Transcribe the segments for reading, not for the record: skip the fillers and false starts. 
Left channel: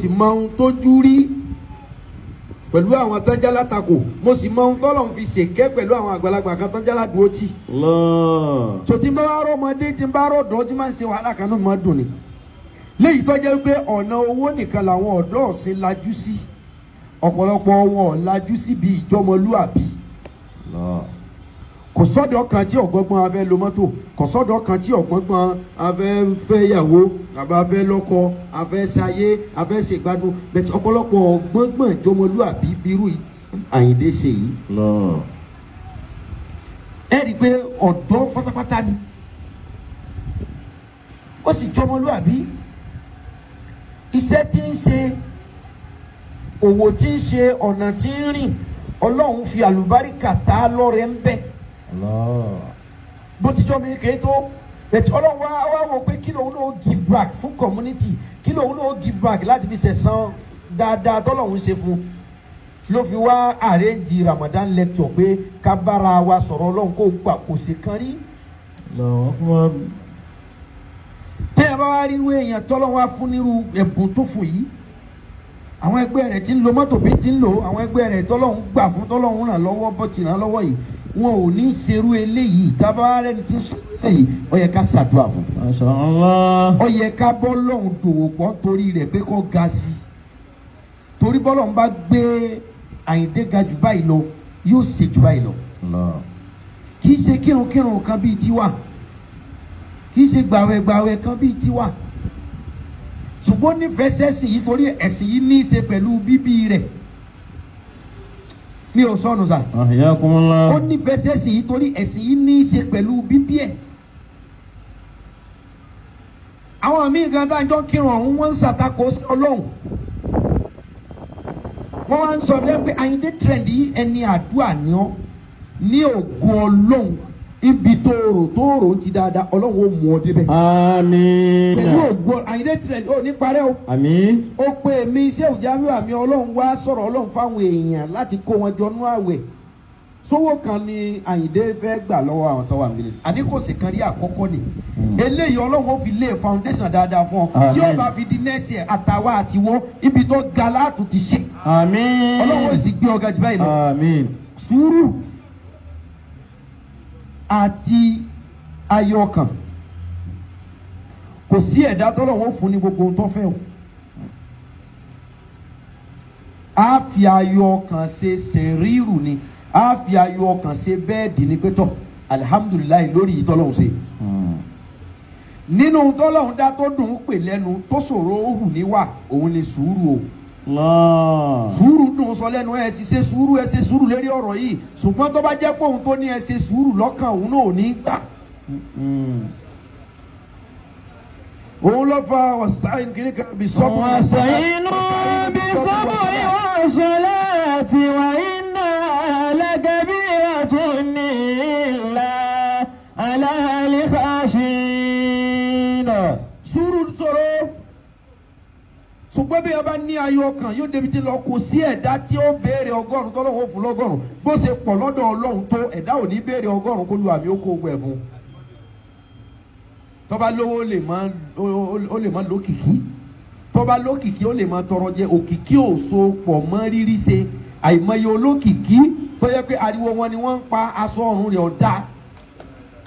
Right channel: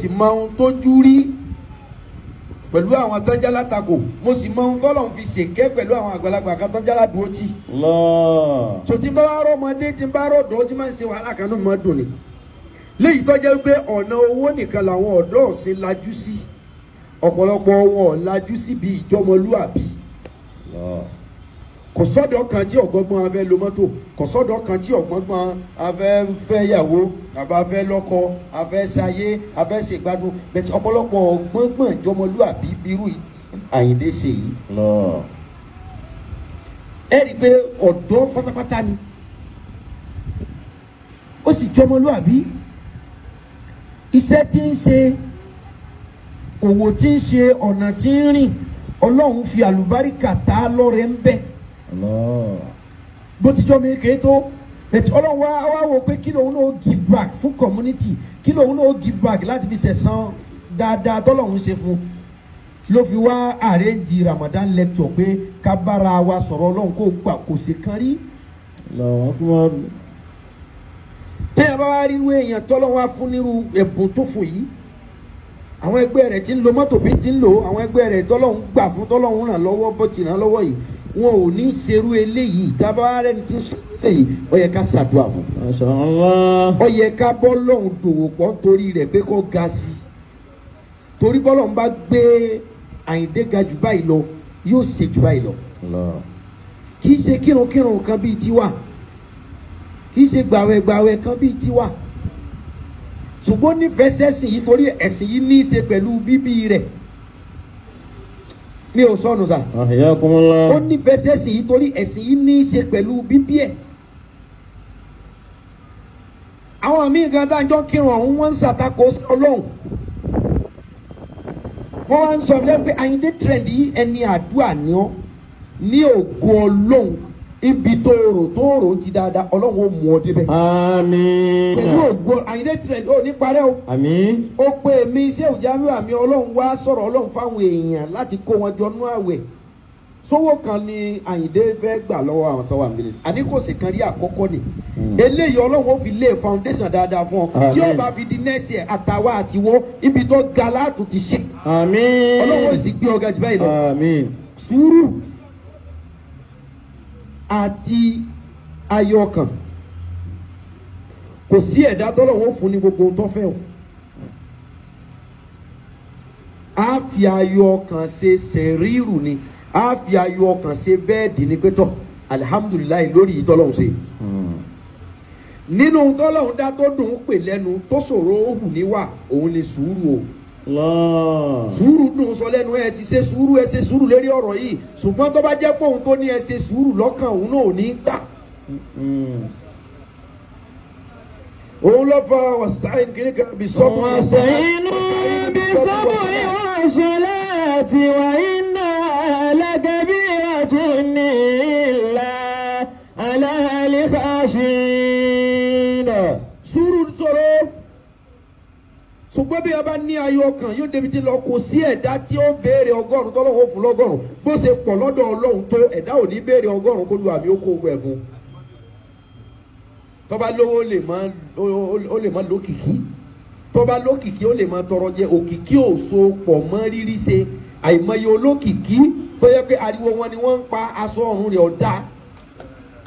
sì mọ ohun tó jú rí pẹ̀lú àwọn tọ́jà látàkò mo sì mọ ohun tọ́lọ́run fi ṣèké pẹ̀lú àwọn àgbàlagbà kan tọ́jà ládùúgbò tì. tó ti bá rọ ọmọdé tí bá rọ ọ̀dọ́ tí máa ń ṣe wàhálà kan náà máa dùn ni léyìí tó jẹ́ pé ọ̀nà owó nìkan làwọn ọ̀dọ́ ọ̀sìn lajú sí ọ̀pọ̀lọpọ̀ wọn lajú sí bí ìjọmọlúàbí. kò sọ́dọ̀ kan tí ọ̀gbọ́ngbọ́n afẹ́ lo mọ́tò kò sọ́dọ̀ kan tí ọ̀gbọ́ngbọ́n afẹ́ fẹ́yàwó afẹ́ lọ́kọ afẹ́ sayé afẹ́ ṣègbádùn bẹ́ẹ̀ ọ̀pọ̀lọpọ̀ ọ̀gbọ́ngbọ́n ìjọmọlúàbí bírú Àyìndé ṣe yìí. ẹ rí i pé ọ̀dọ́ pátápátá ni ó sì jọmọlúàbí iṣẹ́ tí ń ṣe òwò tí ń ṣe ọ̀nà tí ń rìn Ọlọ́run fi àlùbáríkà tá lọ́rẹ̀ ń bẹ. bó ti jọ mi kéé tó bẹ̀tẹ̀ Ọlọ́run wá wò pé kí lòun náà give back fún community kí lòun náà give back láti fi ṣẹ̀san dáadáa tọ́lọ́run ṣe fún ló fi wá àrẹ́jì Ramadan lecture pé ká bára wa sọ̀rọ̀ Ọlọ́run kó gbà kò sí kan rí. tẹ́ ẹ bá wá rí irú èèyàn tọ́lọ́run wá fún nírú ẹ̀bùn tó fò yìí àwọn ẹgbẹ́ rẹ̀ ti ń lo mọ́tò bí ti ń lò àwọn ẹgbẹ́ rẹ̀ tọ́lọ́run gbà fún tọ́lọ́run ràn lọ́wọ́ bó ti ràn lọ́wọ́ yìí wọn ò ní ṣerú eléyìí tábà rẹ̀ ti ń sọ eléyìí ó yẹ ká ṣàdúrà fún. ó yẹ ká bọ́ lọ́hùn dòwò pọ̀ torí rẹ̀ pé kó ga sí i torí bọ́lọ́hùn bá gbé Àyìndé ga jù báyìí lọ yóò ṣe jù báyìí lọ. kì í ṣe kírunkírun kan bíi tiwa kì í ṣe gbàwẹ̀gbàwẹ̀ kan bíi tiwa ṣùgbọ́n nífẹ̀ẹ́ sẹ́sìn yìí torí ẹ̀sìn yìí ní í ṣe pẹ̀lú bíbí rẹ̀ mi ò sọnù sà. ó nífẹ̀ẹ́ sẹ́sìn yìí torí ẹ̀sìn yìí ní í ṣe pẹ̀lú bíbí ẹ̀. àwọn míì gan dájọ́ kírun ọ̀hún wọ́n ń ṣàtakò Ọlọ́run wọ́n wá ń sọ pé Àyìndé trend yìí ẹni àdúrà ni ọ́ ní ògo Ọlọ́run ibi tóòrò ti dáadáa Ọlọ́run ó mú ọ débẹ̀. Àmín. pẹ̀lú ògo Àyìndé trend ó ní parẹ́ o. Àmín. ó pé mi iṣẹ́ òjàmí àmì Ọlọ́run wá sọ̀rọ̀ Ọlọ́run fáwọn èèyàn láti kó wọn jọ nú àwẹ̀ sówó kan ni Àyìndé fẹ́ gbà lọ́wọ́ àwọn tó wà nílé àní kò sì kan rí àkọ́kọ́ ni eléyìí Ọlọ́run ó fi lé foundation dáadáa fún ọ tí ó bá fi di next year àtàwa àtiwọ́ ibi tó ga látò ti ṣe. Àmín. Ọlọ́run ó sì gbé ọ̀gá jù báyìí lọ. Àmín. Sùúrù àti ayọ̀ ọkàn kò sí ẹ̀dá tọ́lọ́run fún ní gbogbo tó fẹ́ o. a fi ayọ̀ ọkàn ṣe sẹ̀ríìrù ni a fi ayọ̀ ọkàn ṣe bẹ́ẹ̀dì ní pẹ́tọ́ alihamudulilayi lórí ìtọ́lọ́run ṣe. nínú tọ́lọ́run dá tó dùn ún pè lẹ́nu tó ṣòro ó hù níwà òun ni sùúrù o. sùúrù dùn sọ lẹ́nu ẹ ṣe sùúrù lérí ọ̀rọ̀ yìí ṣùgbọ́n tó bá jẹ́ pé òun tó ní ẹ ṣe sùúrù lọ́kàn òun náà ò ní gbà. òun ló fa ọ̀sán kìíní kan bí sọ́mù. wasta'inu bis-sabri was-salati wa innaha lakabiratun illa 'ala al-khashin. sùúrù sọ̀rọ̀ ṣùgbọ́n bí a bá ní ayọ̀ ọkàn yóò débi tí lọ kò sí ẹ̀dá tí ó béèrè 100 tọ́lọ́run ó fún 100 bó ṣe pọ̀ lọ́dọ̀ Ọlọ́run tó ẹ̀dá ò ní béèrè 100 kó lu àmì ó kó gbẹ̀ fún. tọ́ba lówó ó lè má lókìkí tọ́ba lókìkí ó lè má tọrọ jẹ òkìkí ò so pọ̀ mọ́ rírí ṣe àìmọye olókìkí tó yẹ pé ariwo wọn ni wọ́n ń pa aṣọ ọ̀run rẹ̀ ọ̀dà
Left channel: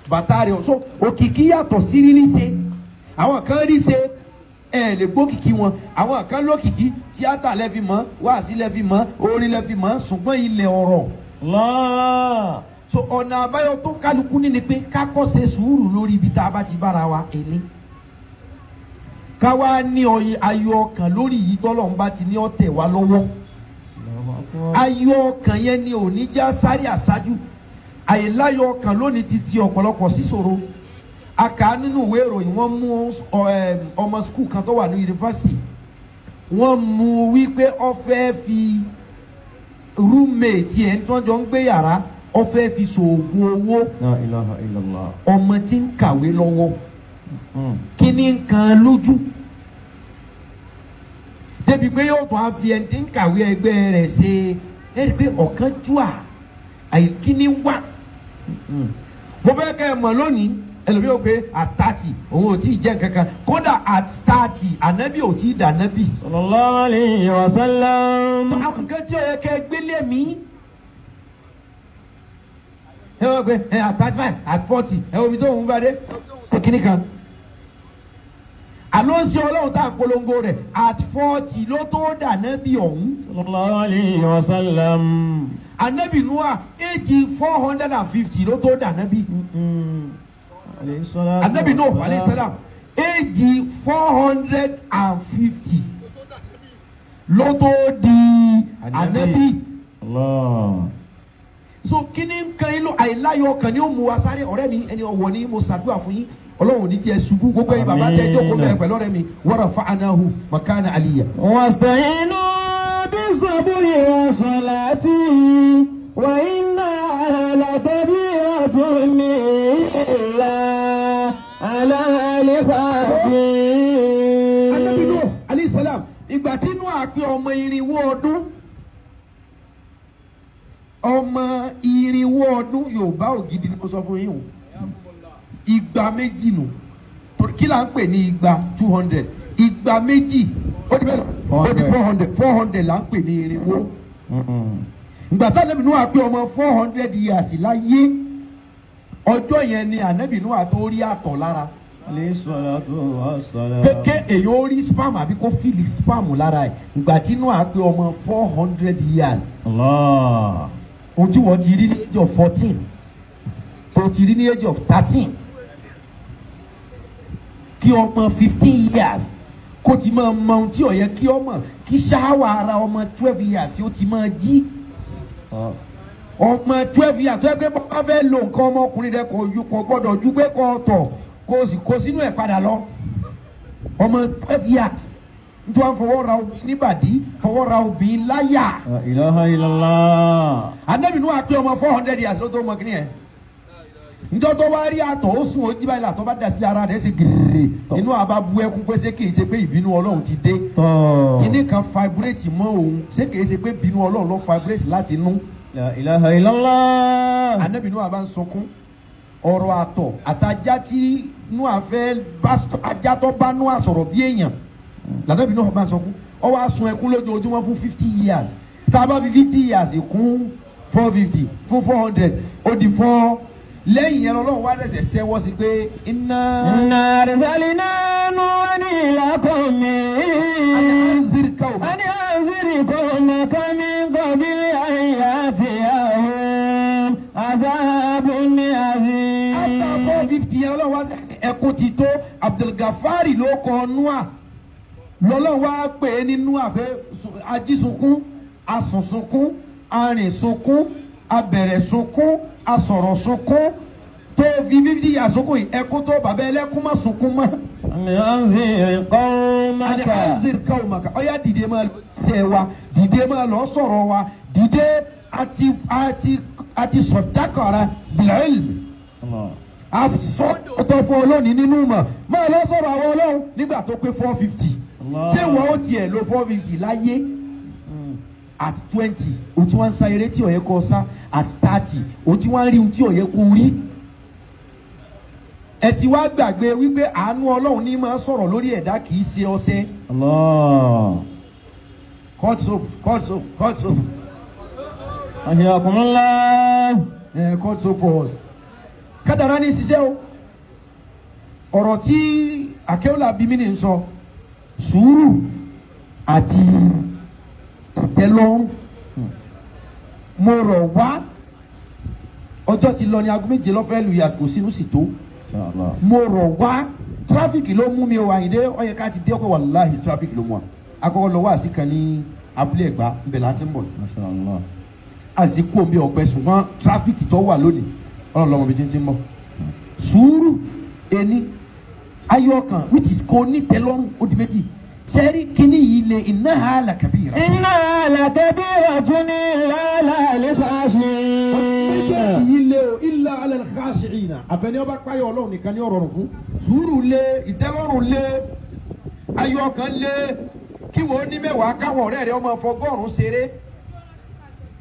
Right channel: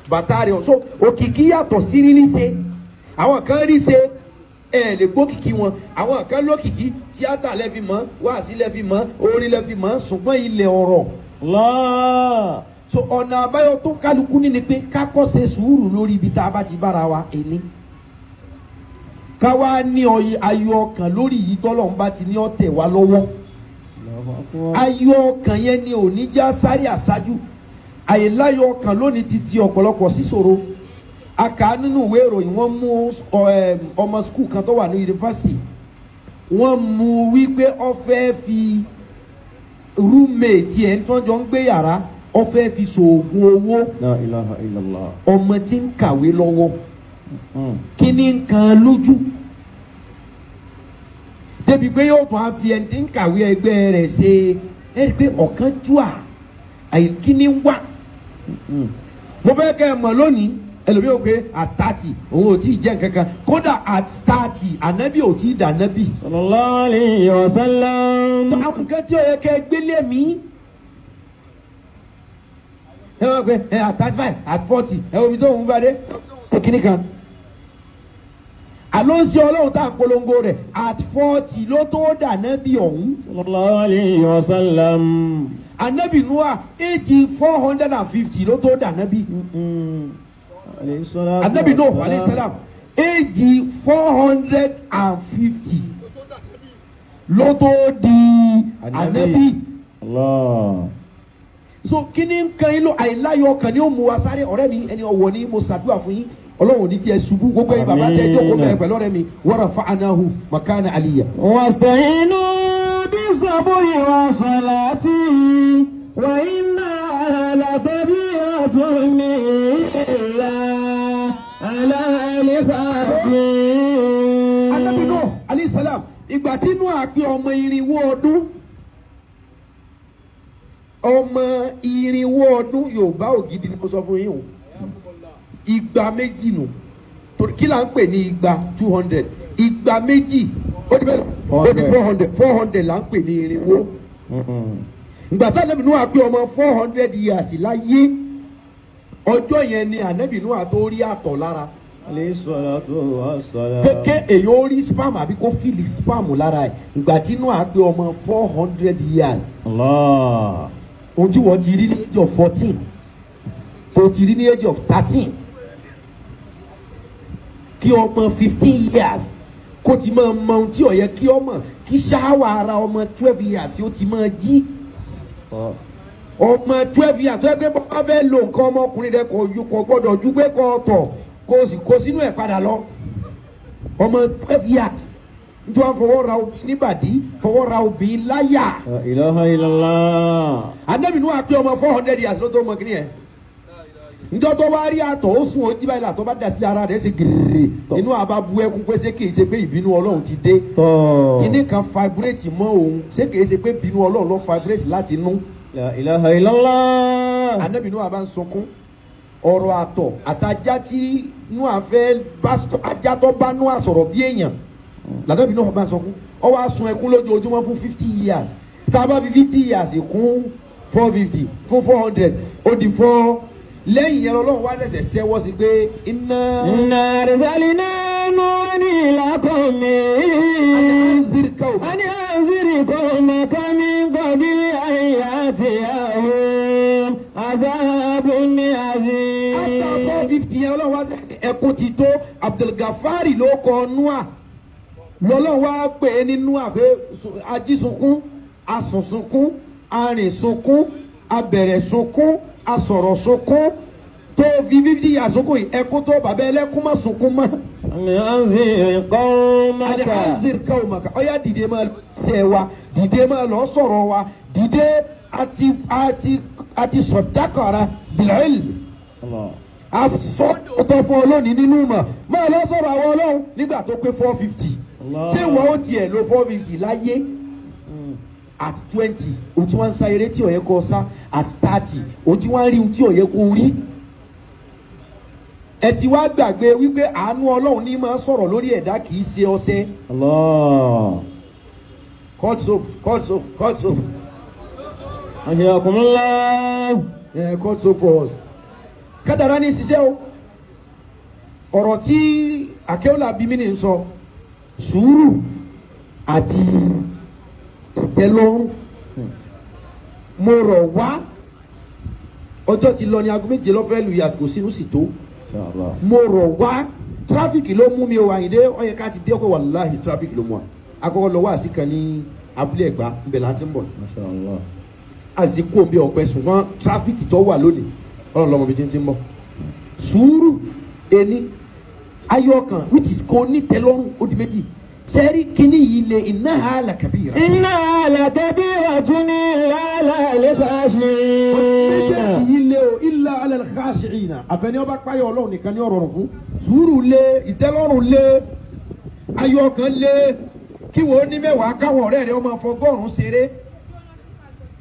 bàtà rẹ̀ ọ̀ṣọ́ òkìkí yàtọ̀ sí rírí ṣe àwọn kan rí ṣe ẹ lè gbókìkí wọn àwọn kan lókìkí tíátà lẹ́fi mọ́ wáàsí lẹ́fi mọ́ orin lẹ́fi mọ́ ṣùgbọ́n ilẹ̀ ọ̀rọ̀. so ọ̀nà àbáyọ tó kálukú ní ni pé ká kọ́ ṣe sùúrù lórí ibi tá a bá ti bára wa ẹni. ká wá ní ayọ̀ ọkàn lórí yìí tọ́lọ́run bá ti ní ọ̀tẹ̀ wa lọ́wọ́. ayọ̀ ọkàn yẹn ni ò ní já sáré àṣáájú àìláyọ̀ ọkàn lónìí ti ti ọ̀pọ̀lọpọ̀ síṣòro. aka nínú ìwé ìròyìn wọ́n mú ọmọ skul kan tó wà ní yunifásitì wọ́n mú wípé ó fẹ́ fi roommate ẹ̀ tó jọ ń gbé yàrá ó fẹ́ fi ṣoògùn owó. La ilaha illallah. ọmọ tí ń kàwé lọ́wọ́ kí ni nǹkan lójú débi pé yóò tún á fi ẹni tí ń kàwé ẹgbẹ́ rẹ̀ ṣe ẹ rí i pé ọ̀kan jù à àìkíní wà. mo fẹ́ kẹ́ ẹ mọ̀ lónìí ẹlòmíràn pé at 30 òun ò tí ì jẹ́ nǹkan kan kódà at 30 ànábì ò tí ì dà nábì. sallallahu alayhi wa sallam. tó àwọn nǹkan tí ó yẹ kẹ́ gbélé mi ẹ wọ́n pé ẹ at 35 at 40 ẹ wọ́n mi tó ń bá dé ẹ kíní kan àlọ́ ń ṣe ọlọ́run tá a polongo rẹ̀ at 40 ló tó dà nábì ọ̀hún. sallallahu alayhi wa sallam. ànábì Noah éjì 450 ló tó dà nábì. ànábì Nuh alayhi salam éjì 450 ló tó di ànábì. so kíni nǹkan yín ló àìláyọ̀ kan ni ó mú wa sáré ọ̀rẹ́ mi ẹni ọ̀wọ̀ ni mo ṣàdúrà fún yín ọlọ́run ní tiẹ̀ ṣubú gbogbo yìí bàbá tẹ́ ẹjọ́ kó bẹ̀rẹ̀ pẹ̀lú ọ̀rẹ́ mi wa rafa'nahu makana aliyya. wasta'inu bis-sabri was-salati wa innaha lakabiratun illa 'ala al-khashi'in. Ànábì Nuh alayhi salam ìgbà tí Nóà pé ọmọ irinwó ọdún Yorùbá ògidì ni mo sọ fún yín o igba méjì nù kí là ń pè ní igba 200 igba méjì ó di bẹ́ẹ̀ ó di 400 là ń pè ní irinwó ìgbà tá Ànábì Nóà pé ọmọ 400 years láyé ọjọ́ yẹn ni Ànábì Nóà tó rí àtọ̀ lára kéèké èyàn ó rí spam àbí kó fíìlì spam lára ẹ̀ ìgbà tí Nóà pé ọmọ 400 years ohun tí wọ́n ti rí ní age of 14 tó ti rí ní age of 13 kí ọmọ 15 years kó ti máa mọ ohun tí ó yẹ kí ọmọ kí ṣáwà ara ọmọ 12 years ó ti máa jí ọmọ 12 years tó yẹ pé bọ́ bá fẹ́ lo nǹkan ọmọkùnrin rẹ kò gbọ́dọ̀ ju pé kò tọ̀ kó sínú ẹ̀ padà lọ ọmọ 12 years nítorí wọn fọwọ́ ra obìnrin níbàdí fọwọ́ ra obìnrin láyà. ilaha illallah. Ànábì Nóà pé ọmọ 400 years ló tó mọ kíní ẹ̀ njọ́ tó wá rí àtọ̀ ó sùn ó jí báyìí látọ̀ bá dà sí ara rẹ̀ ṣe gírírì inú àbá bu ẹkún pé ṣé kìí ṣe pé ìbínú Ọlọ́run ti dé kíní kan vibrate mọ́ òun ṣé kìí ṣe pé ìbínú Ọlọ́run ló vibrate láti inú. la ilaha illallah. Ànábì Nóà bá ń sunkún ọ̀rọ̀ àtọ̀ àtajá tí Nóà fẹ́ bá ajá tó bá Nóà sọ̀rọ̀ bí èèyàn l'Ànábì Nóà bá ń sunkún ó wá sun ẹkún lójoojúmọ́ fún 50 years tá a bá fi 50 years kún 450 fún 400 ó di 4 lẹ́yìn yẹn Ọlọ́run wá ṣẹ̀ṣẹ̀ ṣẹ́wọ́ sí pé inna arsalna Nuhan ila qawmihi an anzir qawmaka min qabli an ya'tiyahum azabun azim. after 450 yẹn Ọlọ́run wá ẹkún ti tó Abdulgafari ló kọ Nóà lọ́lọ́run wá pè é ní Nóà pé ajísunkún asùnsunkún arìnsunkún abẹ̀rẹ̀sunkún asọ̀rọ̀ sunkún tó fi 50 years sunkún yìí ẹkún tó bàbá ẹlẹ́kún má sunkún mọ́. anzir qawmaka. anzir qawmaka ọ̀yá dìde máa lọ ṣe wa dìde máa lọ sọ̀rọ̀ wa dìde àti sọ̀dákàrà bil ilm. àsọdọ̀tọ̀ fún ọlọ́ọ̀ni nínú mọ̀ máa lọ sọ̀rọ̀ àwọn ọlọ́run nígbà tó pé 450 ṣé wọ́n ó tiẹ̀ lo 450 láyé. At 20 o ti wá ń sa eré tí ó yẹ kó sá at 30 o ti wá ń rí ohun tí ó yẹ kó rí ẹ ti wá gbàgbé wípé àánú Ọlọ́run ní máa sọ̀rọ̀ lórí ẹ̀dá kì í ṣe ọṣẹ. Cold soap ahyakumullah. Cold soap for us. Kádàrá ní ṣiṣẹ́ o ọ̀rọ̀ tí Akeola bí mi ní sọ sùúrù àti ìtẹ́lọ́rùn mo rọ̀ wá ọjọ́ ti lọ ní aago méje lọ́fẹ́ lu yàtọ̀ sínú sì tó mo rọ̀ wá tráfíkì ló mú mi o Àyìndé ó yẹ ká ti dé ọkọ̀ wàláhì tráfíkì ló mú wa akọ́kọ́ lọ wá àsìkàn ní abúlé Ẹ̀gbá ńbẹ̀ láti ń bọ̀ àsìkò omi ọ̀pẹ ṣùgbọ́n tráfíkì tó wà lónìí ọlọ́lọ́mọ mi ti ń bọ̀ sùúrù ẹni ayọ̀kan which is kò ní tẹ́lọ́rùn ó di méjì sẹ́rí kìíní yìí lé innaha lakabira. innaha lakabiratun illa 'ala al-khashi'in. yìí lé o illa 'ala al-khashi'in. àfẹnì ọba páyọ Ọlọ́run nìkan ní ọ̀rọ̀ fún sùúrù lé ìtẹ́lọ́rùn lé ayọ̀kan lé kí wọ́n ní mẹ́wàá káwọn ọ̀rẹ́ rẹ̀ ọmọ fọgọ́rùn ṣeré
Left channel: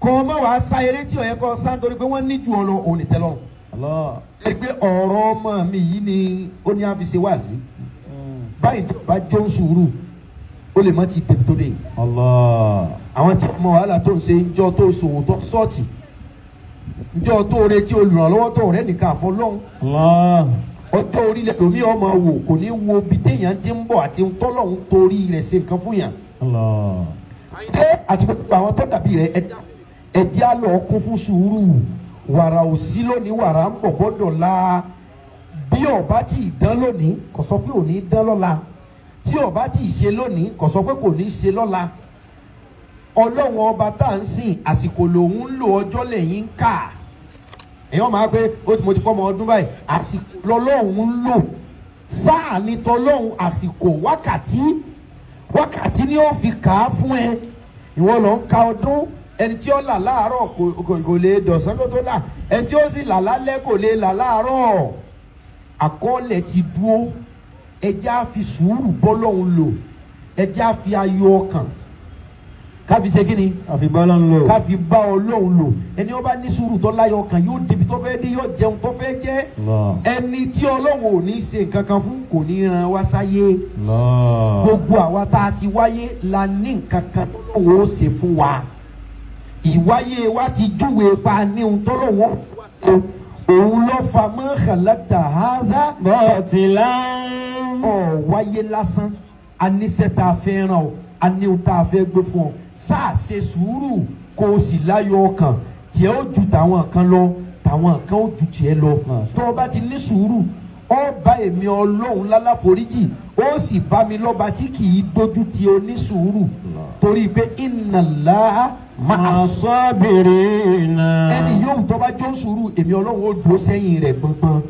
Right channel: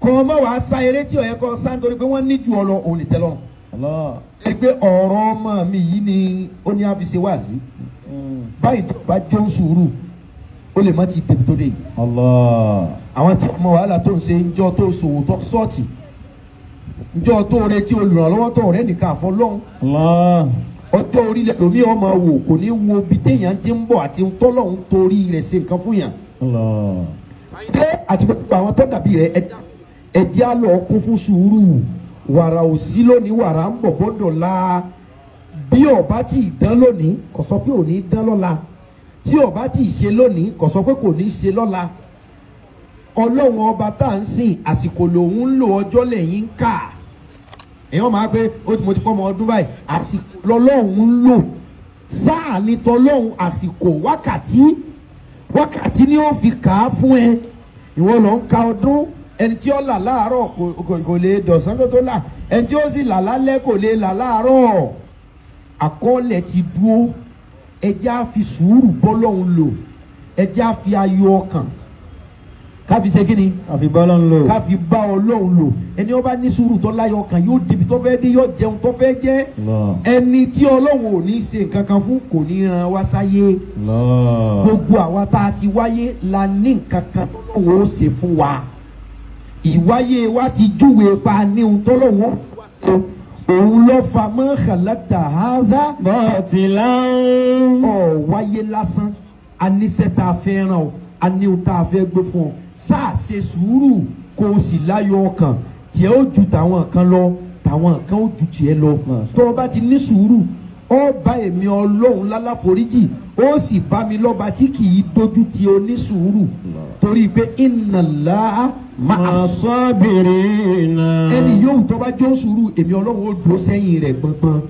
kọ́ ọmọ wàá sá eré tí ọ̀yẹ́ kọ́ sá nítorí pé wọ́n ní ju ọ lọ òun ìtẹ́lọ́rùn ẹ pé ọ̀rọ̀ ọmọ mi yìí ni ó ní àfi ṣe wáàsí báyìí tó bá jẹun sùúrù ó lè má ti tètè tó dé. àwọn tí ọmọ wàhálà tó ń ṣe njọ́ tó ìṣòwò tó sọ́ọ̀tì njọ́ tó retí olùrànlọ́wọ́ tó rẹ́ nìkan àfọlọ́hún ọjọ́ orílẹ̀ lómi ọmọ wò kò ní wo bí téèyàn ti ń bọ̀ àti tọ́lọ́hún torí rẹ̀ ṣe nǹkan fún yàn. àyíké àti gbogbo àwọn tó dàbí rẹ̀ ẹ̀dí á lọ kún fún sùúrù wàrà ò sí lónìí wàrà ń bọ̀ bọ́dọ̀ la bí ọba tí ì dán lónìí kò sọ pé ò ní dán lọ́la tí ọba tí ì ṣe lónìí kò sọ pé kò ní ṣe lọ́la ọlọ́run ọba tá à ń sìn àsìkò lòun ń lò ọjọ́ lẹ́yìn ká èèyàn máa pé mo ti kọ́ ọmọ ọdún báyìí àsìkò lọ́lọ́run ń lò sáà ní tọ́lọ́run àsìkò wákàtí ni ó fi kà á fún ẹ ìwọ lọ ń ka ọdún ẹni tí ó là láàárọ̀ kò lè dọ̀sán kó tó là ẹni tí ó sì là lálẹ́ kò lè là láàárọ̀ àkọọ́lẹ̀ ti dúró ẹjẹ́ á fi sùúrù bọ́lọ́hún lò ẹjẹ́ á fi ayọ̀ ọkàn káfi ṣe kíni àfi bá Ọlọ́run lò káfi bá Ọlọ́run lò ẹni ó bá ní sùúrù tó láyọ̀ ọkàn yóò débi tó fẹ́ dé yóò jẹun tó fẹ́ jẹ ẹni tí Ọlọ́run ò ní ṣe nǹkan kan fún kò ní ran wá sáyé gbogbo àwa tá a ti wáyé la ní nǹkan kan Ọlọ́run ó ṣe fún wa ìwáyé wa ti júwe pa ní ohun tó lọ́wọ́ òun ló fa mọ́ khalaqta haza batilan wáyé lásán aníṣẹ́ tá a fẹ́ ràn ọ́ aní ohun tá a fẹ́ gbé fún ọ sáà ṣe sùúrù kó o sì láyọ̀ ọkàn tiẹ̀ ó ju tàwọn kan lọ tàwọn kan ó ju tiẹ̀ lọ tó o bá ti ní sùúrù ó bá èmi Ọlọ́run lálàforíjì ó sì bá mi lọ́ba tí kì í dojú ti onísùúrù torí pé inna Allaha ma'a sabirina ẹni yóò tó bá jó sùúrù èmi Ọlọ́run ó dúró sẹ́yìn rẹ̀ gbọ̀ngbọ̀n.